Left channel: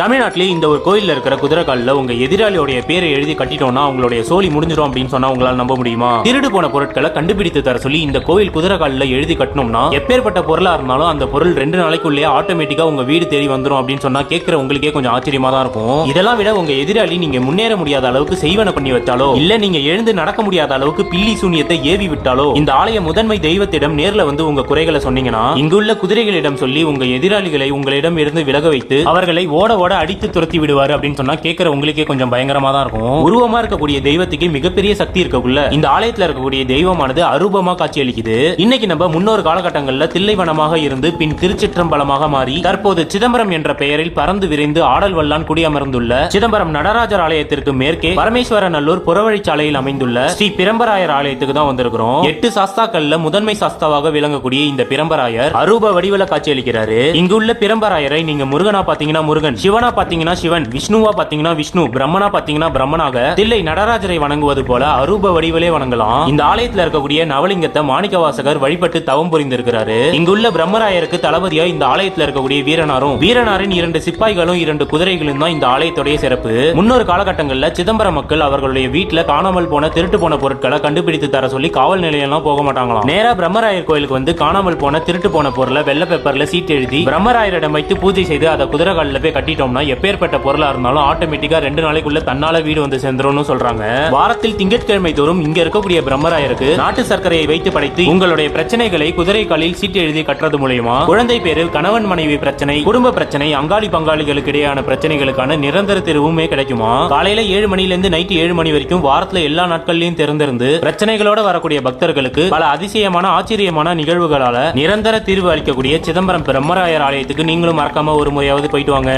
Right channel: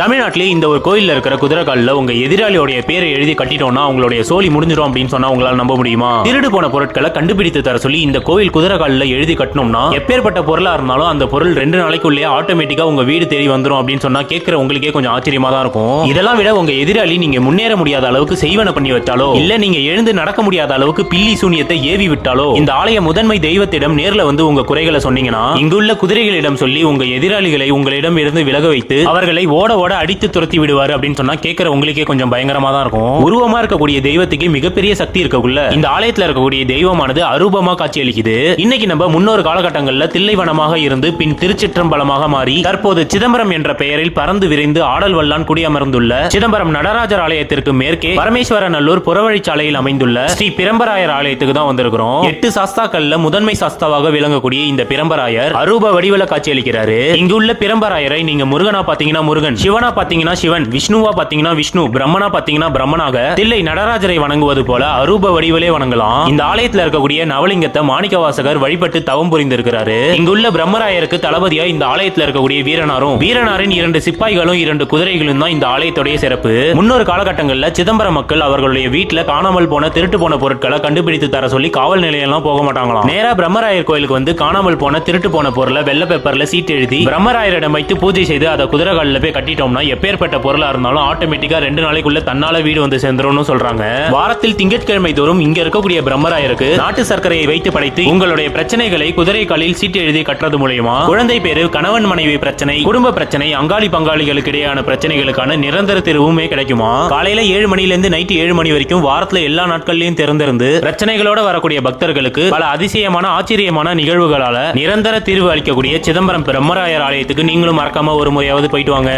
தமிழ்நாட்டிலே இந்த ஒரு கோயில்ல இருக்கிற குதிரைக்காலில் உங்க எதிராளியோட பேரை எழுதி கட்டிட்டோம்னா அவங்களுடைய சோலி முடிஞ்சிடும் அப்படின்னு சொன்னா உங்களால நம்ப முடியுமா? திருடு போன பொருட்களை கண்டுபிடித்து தர சொல்லி இந்த கோவில் குதிரைக்காலில் எழுதி கட்டணும்னா எப்பேற்பட்ட பொருளா இருந்தாலும் அந்த பொருள் 2 நாளைக்குள்ளேயே ஆட்டோமேட்டிக்கா உங்க வீடு தேடி வந்துடும் அப்படின்னு சொன்னா கேட்கிற உங்களுக்கே கொஞ்சம் ஆச்சரியமா தான் இருக்கும். இதெல்லாம் விட உங்க எதிராளி நீங்க முன்னேற முடியாத அளவுக்கு செய்வன பண்ணி வச்சாலோ இல்ல நீங்க எழுந்து நடக்க முடியாத அளவுக்கு பில்லி சூனியத்தை ஏவி விட்டாலோ இந்த ஆலய முதன்மை தெய்வத்திடம் நேர்ல வந்து உங்க குறைகளை சொன்னீங்கன்னா இங்குள்ள குதிரைகளிடம் சொல்லி உங்க எதிராளிகளை உங்களிடம் இருந்து விலக வைத்து அவர்களை ஓட அடித்து துரத்தி விடுவாரு அப்படின்னு சொன்னா கேட்கிற உங்களுக்கே கொஞ்சம் பயங்கரமா தான் இருக்கும். உருவமா இருக்கக்கூடிய தெய்வத்துக்கு மிகப்பெரிய சக்தி இருக்கக்குள்ள இந்த ஆலயத்துல இருக்கக்கூடிய தெய்வமானது அரூபமா காட்சி அளிக்குது. இன்னைக்கு நம்ம முன்னொரு காலகட்டங்கள்ல தில்லைவனமாக இருந்து பின் திருச்சிற்றம்பலமாக மாறி தற்போது சிதம்பரம் என்ற பெயரில் பறந்து விரைந்து ஆடல் வல்லான் குடியமர்ந்துள்ள சிதம்பரம் நடராஜர் ஆலயத்திற்கு மேற்கே பரமேஸ்வரநல்லூர் புறவழிச்சாலையில் அமைந்துள்ள ஸ்ரீ பிரம்பராயர் ஆலயத்துக்கு தான் வந்திருக்கிறோம். 8 சாஸ்தாக்கள்ல முதன்மை சாஸ்தாவாக விளங்கக்கூடிய இந்த பிரம்பராயர் அரூப வடிவல காட்சி அளிக்கிறாரு. இங்குள்ள பிரம்பராயரை நீங்க முருகனா பாத்தீங்கன்னா முருகன், சிவனா பாத்தீங்கன்னா சிவன், விஷ்ணுவா பாத்தீங்கன்னா விஷ்ணு, பிரம்மனா பாத்தீங்கன்னா பிரம்மனாக தில்லை நடராஜரை வணங்குவது போல அரூப வடிவிலே வணங்கலாம். இந்த ஆலயத்தில் இருக்கக்கூடிய நவலிங்கத்தை மாணிக்கவாசகர் வழிபட்டு தவம் புரிந்திருக்கிறாரு. இங்குள்ள பிரம்மராயருக்கு தளபதியா இந்த ஆலயத்தில் இருக்கக்கூடிய வீரனாரின் 2 சிப்பாய்களும் 2 குதிரைகளும் தான் இந்த ஆலயத்துடைய சிறப்பு. முன்னொரு காலகட்டங்கள்ல சிதம்பரம் மக்கள் அவர்களுடைய வீட்டுல காணாமல் போன திருட்டு போன பொருட்களை கண்டுபிடித்து தர சொல்லி காவல் நிலையெல்லாம் போக மாட்டாங்களாம். நேரா பிரம்மராயர் கோயிலுக்கு வந்து காணாமல் போன திருட்டு போன பொருளை வெள்ளை பேப்பர்ல சீட் எழுதி பிரம்மராயரிடம் வைத்து பூஜை செய்து அதை குதிரைகாலில் போய் கட்டிட்டோம்னா எப்பேற்பட்ட பொருளா இருந்தாலும் ஆட்டோமேட்டிக்கா 2 நாளைக்குள்ள தன்னால வீடு வந்து சேர்ந்துரும் சொல்றாங்க. வாரத்தில் திங்கட்கிழமை தோறும் இங்க இருக்கக்கூடிய பிரம்மராயருக்கு நாட்டு சர்க்கரையை வைத்து படைத்து உங்களுடைய பிரச்சனைகளை குதிரை காலில் சீட்டு எழுதி கட்டுறது மூலமா குழந்தை பேரு, கணவன் மனைவி பிரச்சனை, குடும்ப பிரச்சனை, அங்காளி பங்காளிகளுக்கு இடையான பிரச்சனைகளுக்கான நிரந்தர தீர்வுமே கிடைக்குமா? காலையில 7 மணிலிருந்து நைட் 7 மணி வரைக்கும் வாரத்துல எல்லா நாட்கள்லயும் திறந்திருந்து பிரச்சனைகளோட வரக்கூடிய பக்தர்களுக்கு பல அதிசயமான ஆச்சரியமான நிகழ்வுகளால நிரந்தர தீர்வு அளிக்கக்கூடிய சிதம்பரம் பிரம்மராயர் ஆலயத்துக்கு நீங்களும் மறக்காம ஒரு முறையாவது போயிட்டு வாங்க.